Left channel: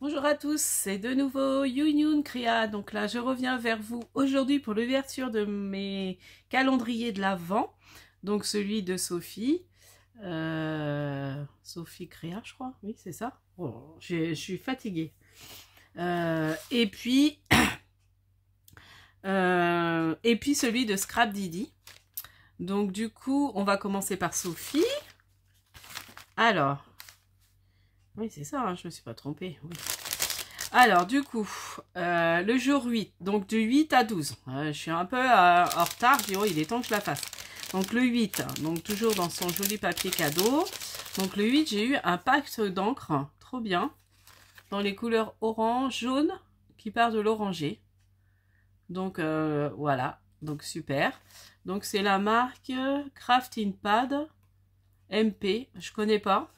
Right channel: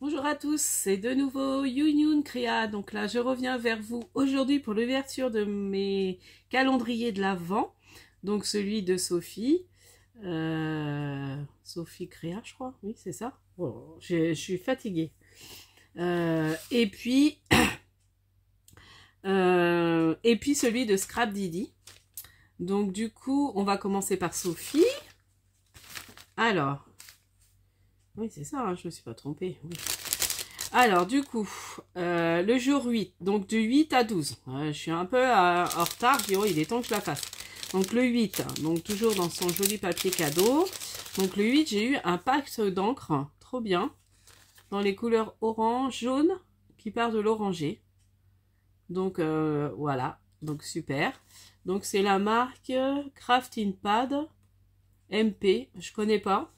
Bonjour à tous, c'est de nouveau Youn Kriya. Donc là, je reviens vers vous aujourd'hui pour l'ouverture de mes calendriers de l'Avent. Donc celui de Sophie. Sophie Kriya, je crois. Oui, c'est ça. Bon, je suis fatiguée. Et puis celui de Scrap Didi. Donc du coup, on va commencer par Sophie. Alors, oui, c'est ça, hein, je ne me suis pas trompée. Oui. Alors, du coup, le jour 8, donc du 8 à 12. Je suis un peu en retard, je dis, oh, il est temps que je la fasse. Donc, le 8, donc toujours dans son joli papier cadeau. Donc, le 8, j'ai eu un pack d'encre, trop bien, dans les couleurs orange, jaune, qui part de l'oranger. Donc, voilà, donc super. Donc, c'est la marque Crafting Pad MP, je connais pas.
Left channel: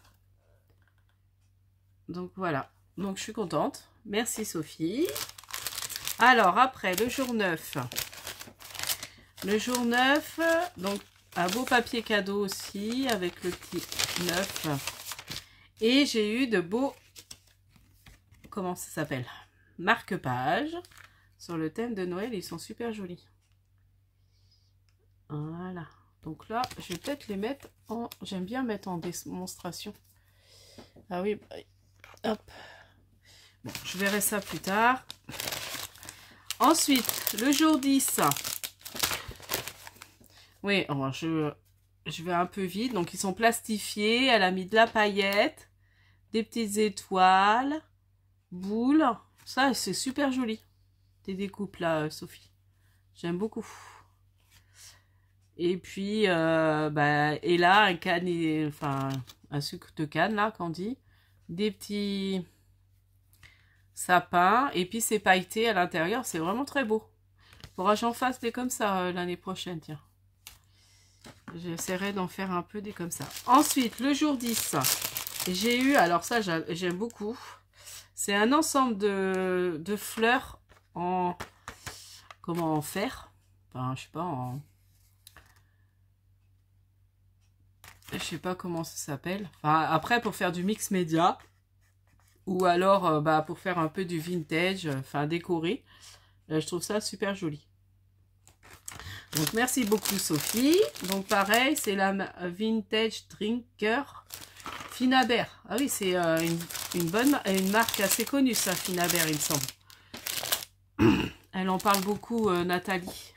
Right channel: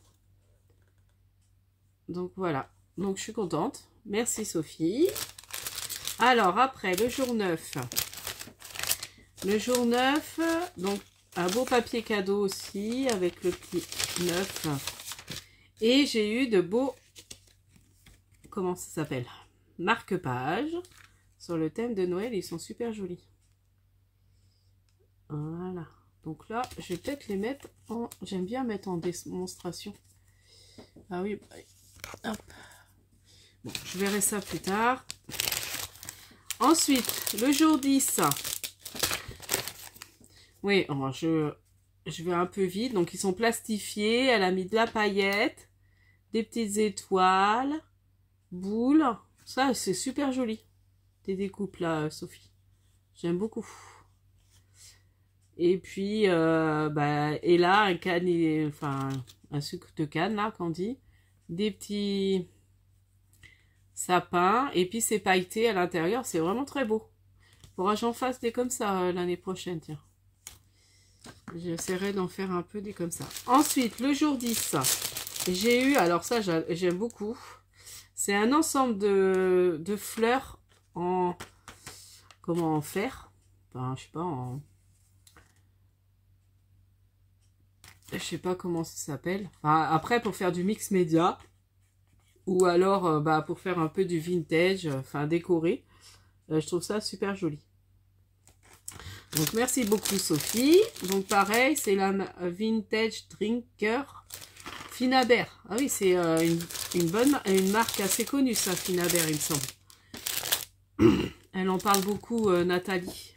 Donc, voilà, donc je suis contente. Merci Sophie. Alors après le jour 9. Le jour 9, donc un beau papier cadeau aussi avec le petit 9. Et j'ai eu de beaux, comment ça s'appelle, marque-pages sur le thème de Noël. Ils sont super jolis. Voilà. Donc là, je vais peut-être les mettre en... J'aime bien mettre en démonstration. Ah oui, hop. Bon, je verrai ça plus tard. Ensuite, le jour 10. Oui, je vais un peu vite. Donc, ils sont plastifiés. Elle a mis de la paillette, des petites étoiles, boules. Ça, c'est super joli. Tes découpes là, Sophie. J'aime beaucoup. Et puis, et là, un sucre de canne, là, qu'on dit. Des petits... sapin et puis c'est pailleté à l'intérieur, c'est vraiment très beau. Faudra que j'en fasse des comme ça l'année prochaine, tiens. J'essaierai d'en faire un peu des comme ça. Ensuite, le jour 10, j'ai eu, alors ça j'aime beaucoup, c'est un ensemble de fleurs en, comment en faire, enfin je sais pas, je sais pas comment ça s'appelle. Enfin, après pour faire du mix média. Ou alors pour faire un peu du vintage, enfin décoré. Je trouve ça super joli. Donc merci beaucoup Sophie. Donc pareil, c'est la Vintage Drinker Finaber. Ah oui, c'est une marque assez connue ça, Finaber, il me semble. Elle en parle beaucoup, Nathalie,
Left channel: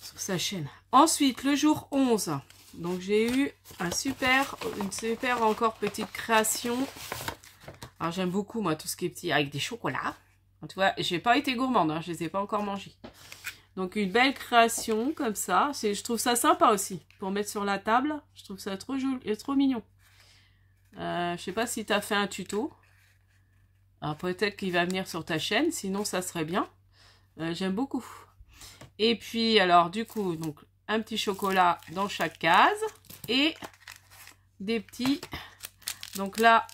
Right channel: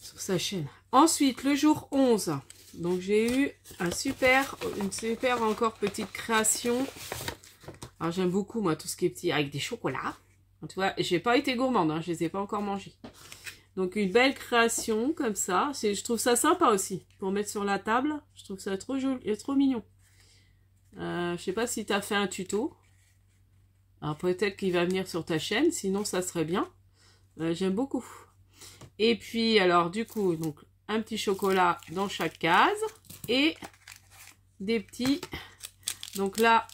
sur sa chaîne. Ensuite, le jour 11. Donc j'ai eu une super encore petite création. Alors j'aime beaucoup moi tout ce qui est petit avec des chocolats. Tu vois, j'ai pas été gourmande, hein, je les ai pas encore mangés. Donc une belle création comme ça. Je trouve ça sympa aussi pour mettre sur la table. Je trouve ça trop joli et trop mignon. Je sais pas si tu as fait un tuto. Alors peut-être qu'il va venir sur ta chaîne, sinon ça serait bien. J'aime beaucoup. Et puis alors du coup donc un petit chocolat dans chaque case et des petits, donc là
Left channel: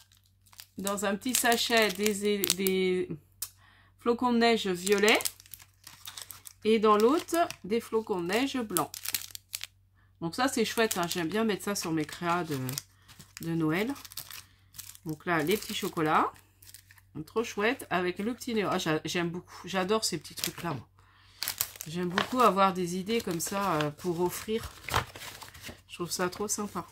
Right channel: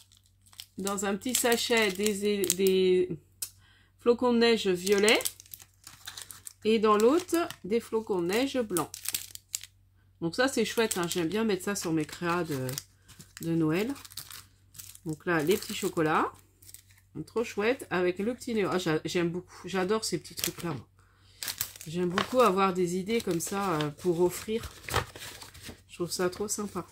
dans un petit sachet des flocons de neige violets et dans l'autre des flocons de neige blancs. Donc ça c'est chouette, hein. J'aime bien mettre ça sur mes créas de Noël. Donc là les petits chocolats, trop chouette avec le petit néo. Ah, j'aime beaucoup, j'adore ces petits trucs là. J'aime beaucoup avoir des idées comme ça pour offrir. Je trouve ça trop sympa.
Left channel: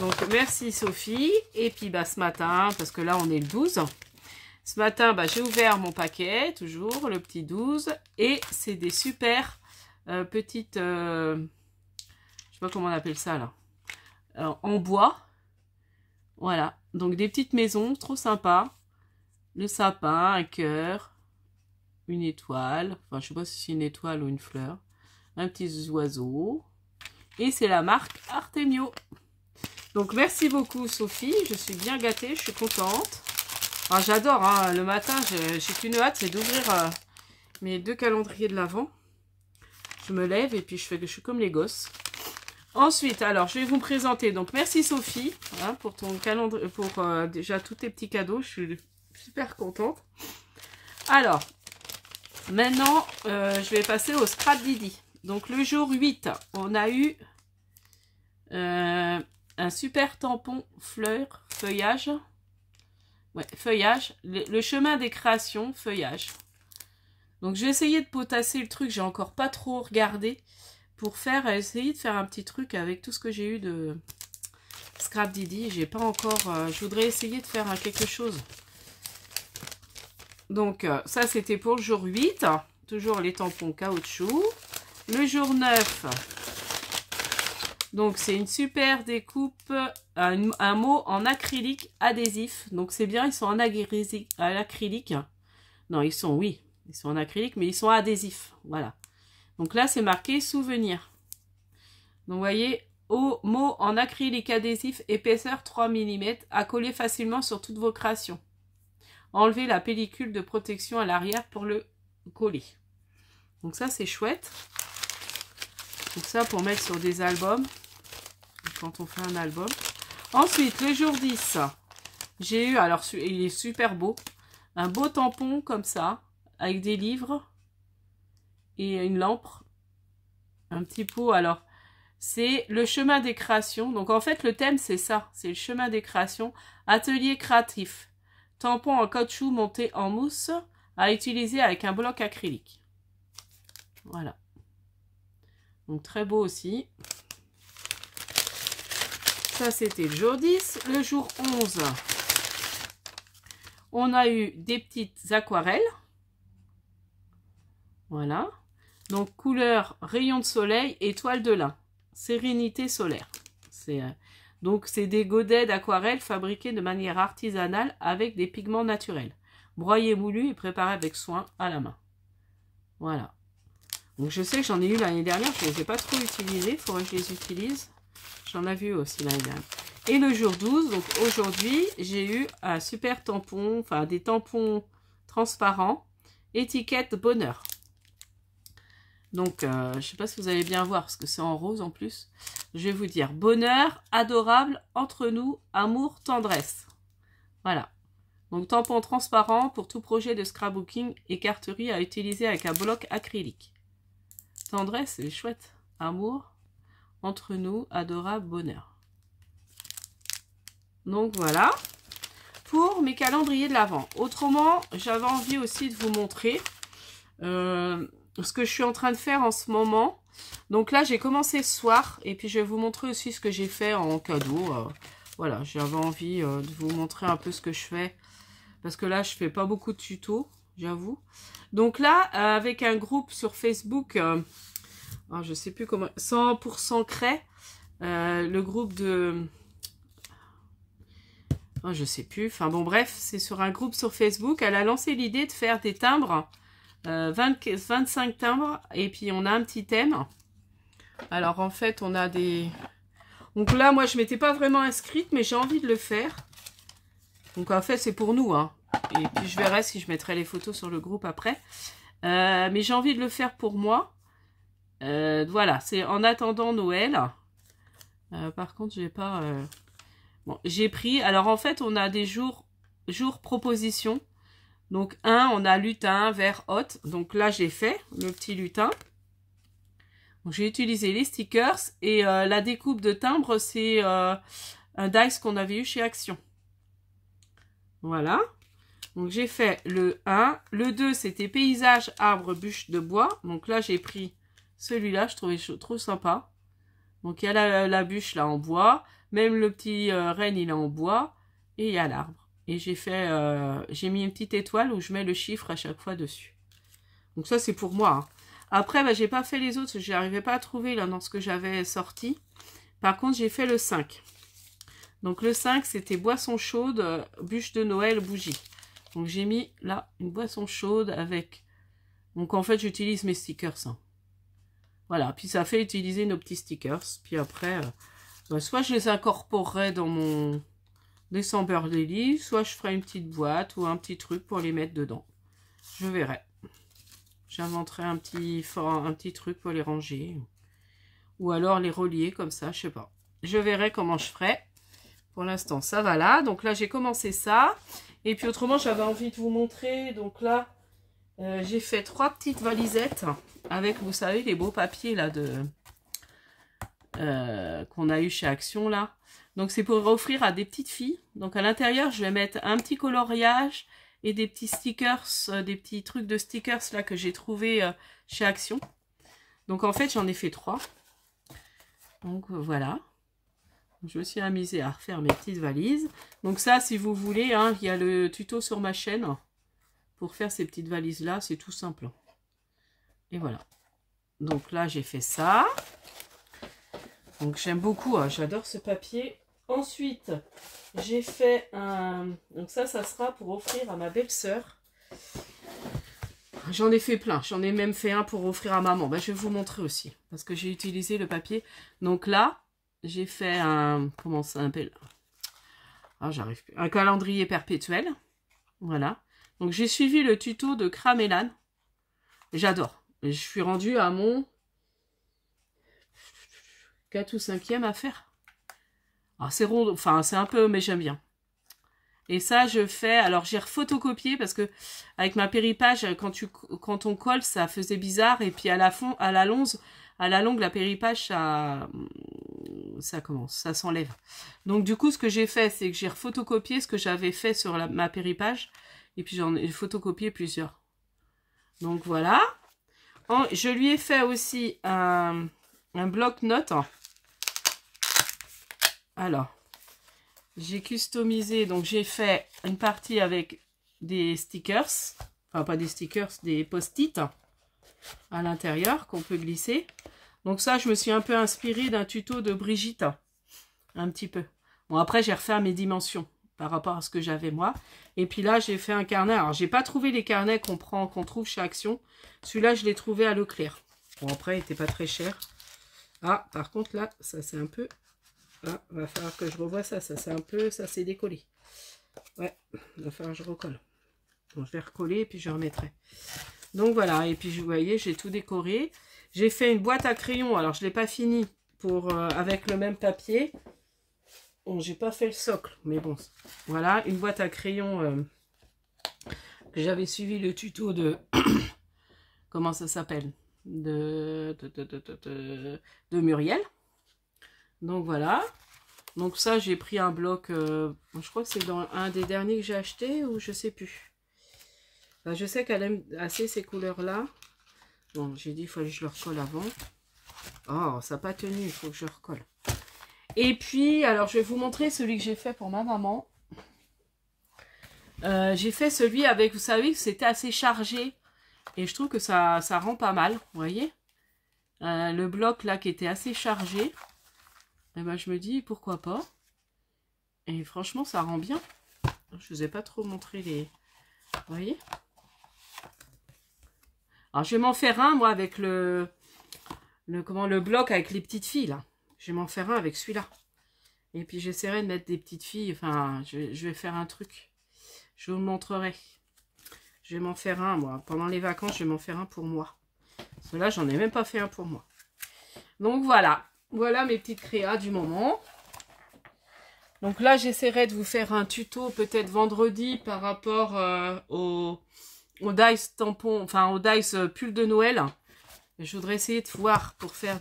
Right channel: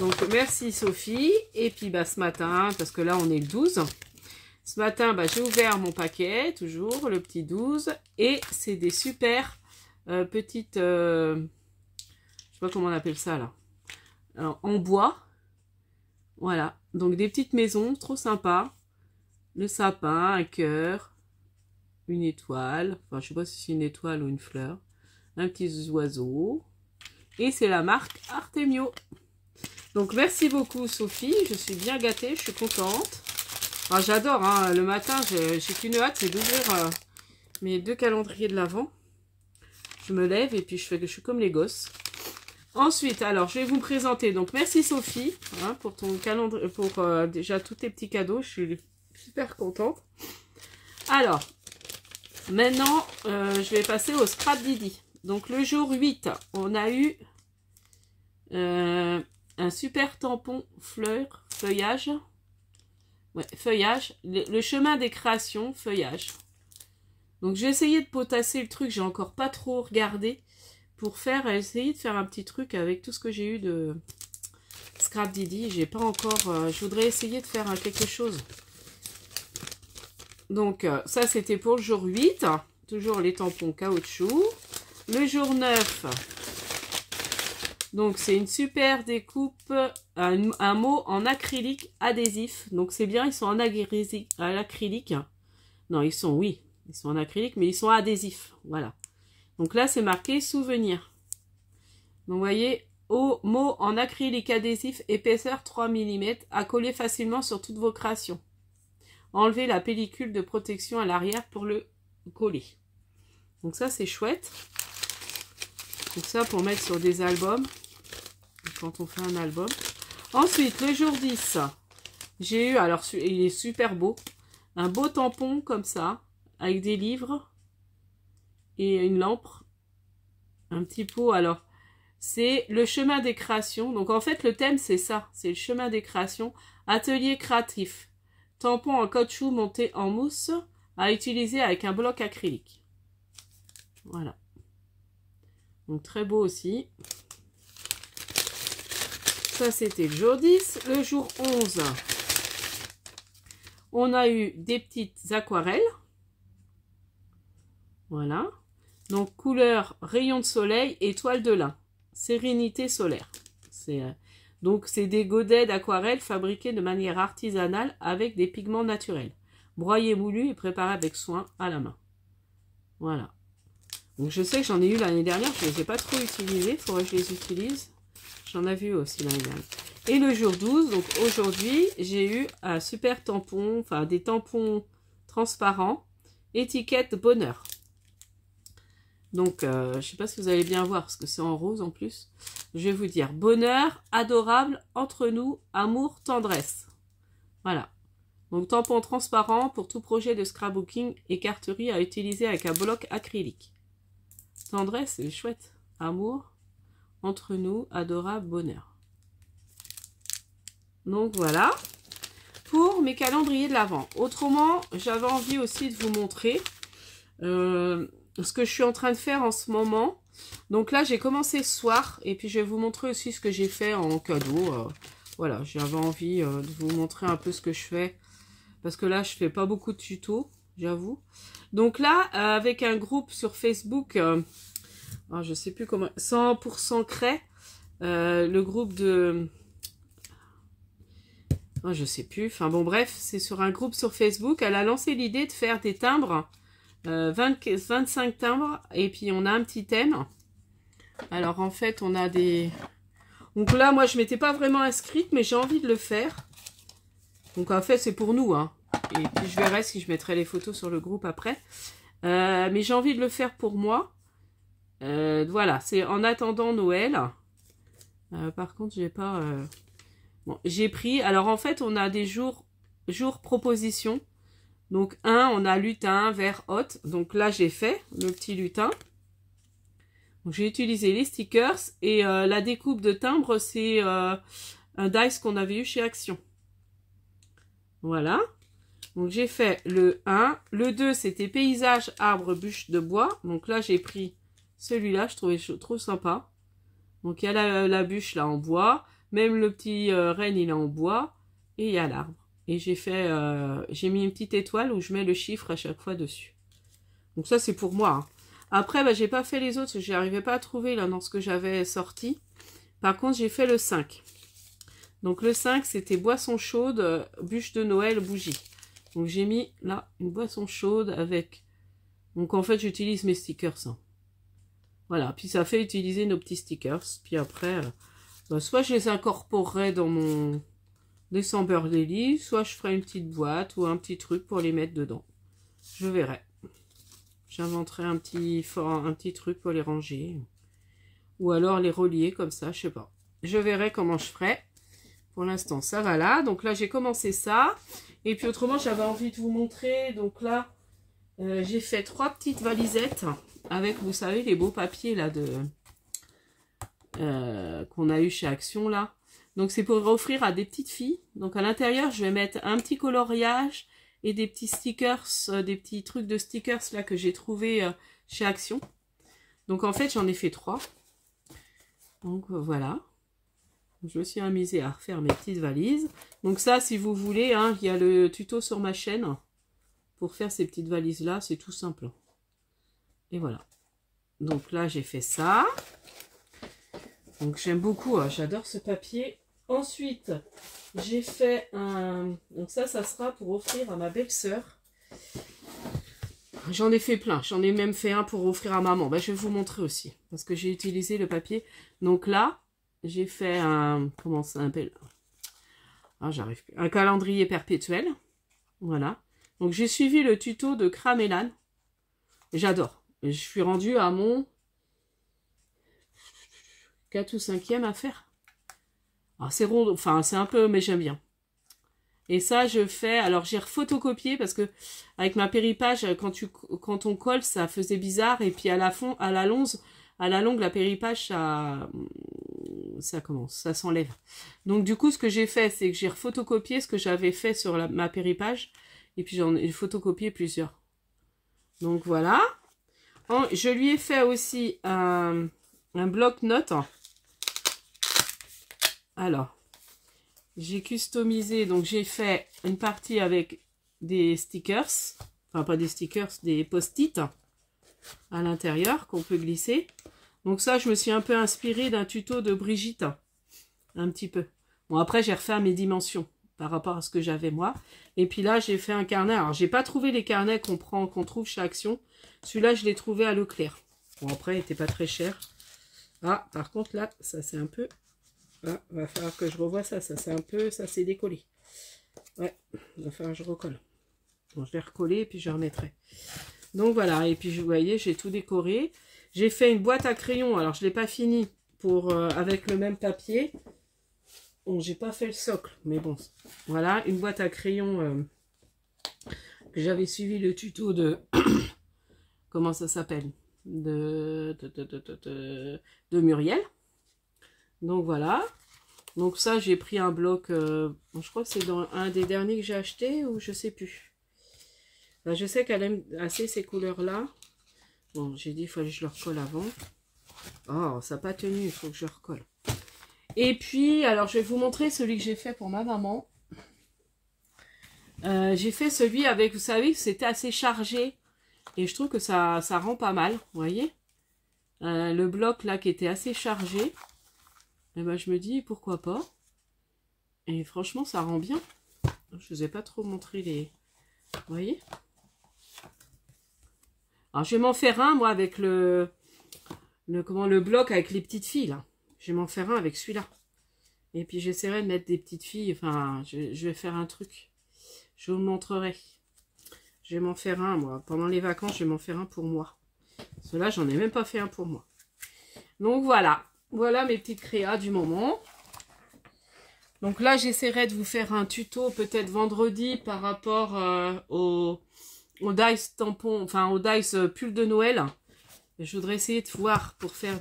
Donc, merci Sophie. Et puis, ce matin, parce que là, on est le 12. Ce matin, j'ai ouvert mon paquet, toujours, le petit 12. Et c'est des super petites... je sais pas comment on appelle ça, là. En bois. Voilà. Donc, des petites maisons, trop sympa. Le sapin, un cœur. Une étoile, enfin je sais pas si c'est une étoile ou une fleur, un petit oiseau, et c'est la marque Artemio. Donc merci beaucoup Sophie, je suis bien gâtée, je suis contente. Alors j'adore, hein, le matin j'ai qu'une hâte, c'est d'ouvrir mes 2 calendriers de l'Avent. Je me lève et puis je suis comme les gosses. Ensuite, alors je vais vous présenter, donc merci Sophie, hein, pour ton calendrier, pour déjà tous tes petits cadeaux, je suis super contente. Alors, maintenant, je vais passer au Scrap Didi. Donc, le jour 8, on a eu un super tampon feuillage. Ouais, feuillage. Le chemin des créations, feuillage. Donc, j'ai essayé de potasser le truc. J'ai encore pas trop regardé pour essayer de faire un petit truc avec tout ce que j'ai eu de Scrap Didi. J'ai pas encore... je voudrais essayer de faire quelque chose. Donc, ça, c'était pour le jour 8. Toujours les tampons caoutchouc. Le jour 9. Donc, c'est une super découpe. Un mot en acrylique adhésif. Donc, c'est bien, ils sont en acrylique. Non, ils sont en acrylique, mais ils sont adhésifs. Voilà. Donc là, c'est marqué souvenir. Donc, vous voyez, mot en acrylique adhésif, épaisseur 3 mm, à coller facilement sur toutes vos créations. Enlevez la pellicule de protection à l'arrière pour le coller. Donc ça, c'est chouette. Donc ça, pour mettre sur des albums, quand on fait un album. Ensuite, le jour 10, j'ai eu, alors il est super beau, un beau tampon comme ça, avec des livres et une lampe, un petit pot. Alors, c'est le chemin des créations. Donc, en fait, le thème, c'est ça. C'est le chemin des créations. Atelier créatif. Tampon en caoutchouc monté en mousse à utiliser avec un bloc acrylique. Voilà. Donc, très beau aussi. Ça, c'était le jour 10. Le jour 11, on a eu des petites aquarelles. Voilà. Donc, couleur rayon de soleil, étoile de lin. Sérénité solaire. Donc, c'est des godets d'aquarelle fabriqués de manière artisanale avec des pigments naturels. Broyés, moulus et préparés avec soin à la main. Voilà. Donc, je sais que j'en ai eu l'année dernière. Je ne les ai pas trop utilisés. Il faudrait que je les utilise. J'en ai vu aussi l'année dernière. Et le jour 12, donc aujourd'hui, j'ai eu un super tampon, enfin des tampons transparents. Étiquette bonheur. Donc, je ne sais pas si vous allez bien voir, parce que c'est en rose en plus. Je vais vous dire, bonheur, adorable, entre nous, amour, tendresse. Voilà. Donc, tampon transparent pour tout projet de scrapbooking et carterie à utiliser avec un bloc acrylique. Tendresse, c'est chouette. Amour, entre nous, adorable, bonheur. Donc, voilà. Pour mes calendriers de l'Avent. Autrement, j'avais envie aussi de vous montrer... ce que je suis en train de faire en ce moment. Donc là, j'ai commencé ce soir. Et puis, je vais vous montrer aussi ce que j'ai fait en cadeau. Voilà, j'avais envie de vous montrer un peu ce que je fais. Parce que là, je fais pas beaucoup de tutos, j'avoue. Donc là, avec un groupe sur Facebook, je sais plus comment, 100% Cray, le groupe de... je sais plus. Enfin bon, bref, c'est sur un groupe sur Facebook. Elle a lancé l'idée de faire des timbres. 25 timbres et puis on a un petit thème. Alors en fait on a des... Donc là moi je m'étais pas vraiment inscrite mais j'ai envie de le faire. Donc en fait c'est pour nous hein. Et puis je verrai si je mettrai les photos sur le groupe après. Mais j'ai envie de le faire pour moi. Voilà, c'est en attendant Noël. Par contre j'ai pas... Bon, j'ai pris... Alors en fait on a des jours propositions. Donc, on a lutin, vert, hôte. Donc là, j'ai fait le petit lutin. J'ai utilisé les stickers. Et la découpe de timbre, c'est un dice qu'on avait eu chez Action. Voilà. Donc, j'ai fait le 1. Le 2, c'était paysage, arbre, bûche de bois. Donc là, j'ai pris celui-là. Je trouvais trop sympa. Donc, il y a la bûche là en bois. Même le petit renne, il est en bois. Et il y a l'arbre. Et j'ai mis une petite étoile où je mets le chiffre à chaque fois dessus. Donc ça, c'est pour moi. Hein. Après, j'ai pas fait les autres. Je n'arrivais pas à trouver là dans ce que j'avais sorti. Par contre, j'ai fait le 5. Donc le 5, c'était boisson chaude, bûche de Noël, bougie. Donc j'ai mis là une boisson chaude avec... Donc en fait, j'utilise mes stickers. Hein. Voilà. Puis ça fait utiliser nos petits stickers. Puis après, soit je les incorporerai dans mon... Décember Daily, soit je ferai une petite boîte ou un petit truc pour les mettre dedans. Je verrai. J'inventerai un petit truc pour les ranger. Ou alors les relier comme ça, je sais pas. Je verrai comment je ferai. Pour l'instant, ça va là. Donc là, j'ai commencé ça. Et puis autrement, j'avais envie de vous montrer. Donc là, j'ai fait 3 petites valisettes avec, vous savez, les beaux papiers là qu'on a eu chez Action là. Donc c'est pour offrir à des petites filles. Donc à l'intérieur, je vais mettre un petit coloriage et des petits stickers, des petits trucs de stickers là que j'ai trouvé chez Action. Donc en fait, j'en ai fait 3. Donc voilà. Je me suis amusée à refaire mes petites valises. Donc ça, si vous voulez, hein, il y a le tuto sur ma chaîne pour faire ces petites valises là. C'est tout simple. Et voilà. Donc là, j'ai fait ça. Donc j'aime beaucoup, hein, j'adore ce papier. Ensuite, j'ai fait un... Donc ça sera pour offrir à ma belle-sœur. J'en ai fait plein. J'en ai même fait un pour offrir à maman. Ben, je vais vous montrer aussi. Parce que j'ai utilisé le papier. Donc là, j'ai fait un... Comment ça s'appelle? Ah, j'arrive plus. Un calendrier perpétuel. Voilà. Donc j'ai suivi le tuto de Cramélan. J'adore. Je suis rendue à mon 4 ou 5e à faire. Alors c'est rond, enfin c'est un peu, mais j'aime bien. Et ça je fais, alors j'ai refotocopié parce que avec ma péripage, quand on colle, ça faisait bizarre. Et puis à la longue, la péripage, ça s'enlève. Donc du coup, ce que j'ai fait, c'est que j'ai refotocopié ce que j'avais fait sur ma péripage. Et puis j'en ai photocopié plusieurs. Donc voilà. Je lui ai fait aussi un bloc-notes. Alors, j'ai customisé, donc j'ai fait une partie avec des stickers, enfin pas des stickers, des post-it à l'intérieur qu'on peut glisser. Donc ça, je me suis un peu inspirée d'un tuto de Brigitte, un petit peu. Bon, après, j'ai refait mes dimensions par rapport à ce que j'avais moi. Et puis là, j'ai fait un carnet. Alors, j'ai pas trouvé les carnets qu'on trouve chez Action. Celui-là, je l'ai trouvé à Leclerc. Bon, après, il n'était pas très cher. Ah, par contre, là, ça c'est un peu... Ah, va falloir que je revoie ça. Ça c'est un peu... Ça s'est décollé. Ouais, il va falloir que je recolle. Bon, je vais recoller et puis je remettrai. Donc voilà, et puis vous voyez, j'ai tout décoré. J'ai fait une boîte à crayons. Alors, je ne l'ai pas fini avec le même papier. Bon, j'ai pas fait le socle, mais bon. Voilà, une boîte à crayons que j'avais suivi le tuto de... Comment ça s'appelle? De Muriel. Donc voilà. Donc ça, j'ai pris un bloc, je crois que c'est dans un des derniers que j'ai acheté, ou je sais plus. Enfin, je sais qu'elle aime assez ces couleurs-là. Bon, j'ai dit, il faut que je le recolle avant. Oh, ça n'a pas tenu, il faut que je recolle. Et puis, alors, je vais vous montrer celui que j'ai fait pour ma maman. J'ai fait celui avec, vous savez, c'était assez chargé. Et je trouve que ça rend pas mal, vous voyez. Le bloc, là, qui était assez chargé. Et ben, je me dis, pourquoi pas. Et franchement, ça rend bien. Je vous ai pas trop montré les... Vous voyez. Alors, je vais m'en faire un, moi, avec le bloc avec les petites filles, là. Je vais m'en faire un avec celui-là. Et puis, j'essaierai de mettre des petites filles. Enfin, je vais faire un truc. Je vous le montrerai. Je vais m'en faire un, moi. Pendant les vacances, je vais m'en faire un pour moi. Parce que là, j'en ai même pas fait un pour moi. Donc, voilà. Voilà mes petites créas du moment. Donc là, j'essaierai de vous faire un tuto peut-être vendredi par rapport au dice tampon, enfin au dice pull de Noël. Je voudrais essayer de voir pour faire,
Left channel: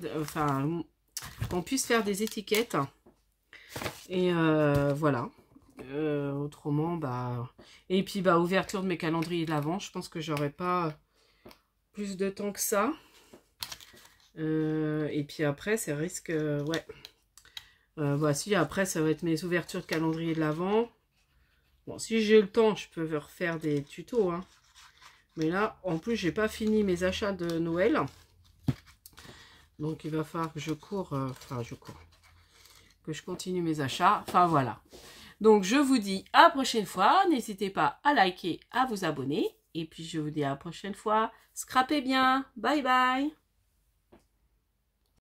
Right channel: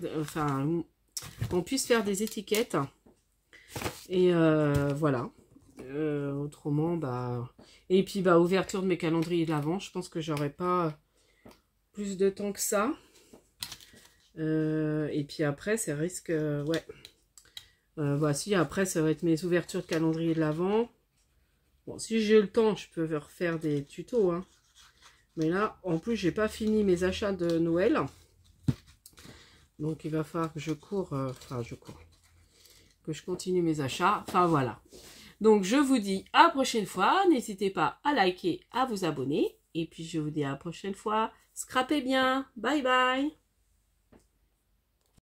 qu'on puisse faire des étiquettes. Et voilà. Autrement, bah... Et puis, bah, ouverture de mes calendriers de l'Avent. Je pense que j'aurai pas plus de temps que ça. Et puis après, ça risque... ouais. Voici, après, ça va être mes ouvertures de calendrier de l'Avent. Bon, si j'ai le temps, je peux refaire des tutos. Hein. Mais là, en plus, j'ai pas fini mes achats de Noël. Donc, il va falloir que je cours. Que je continue mes achats. Enfin, voilà. Donc, je vous dis à la prochaine fois. N'hésitez pas à liker, à vous abonner. Et puis, je vous dis à la prochaine fois. Scrapez bien. Bye bye.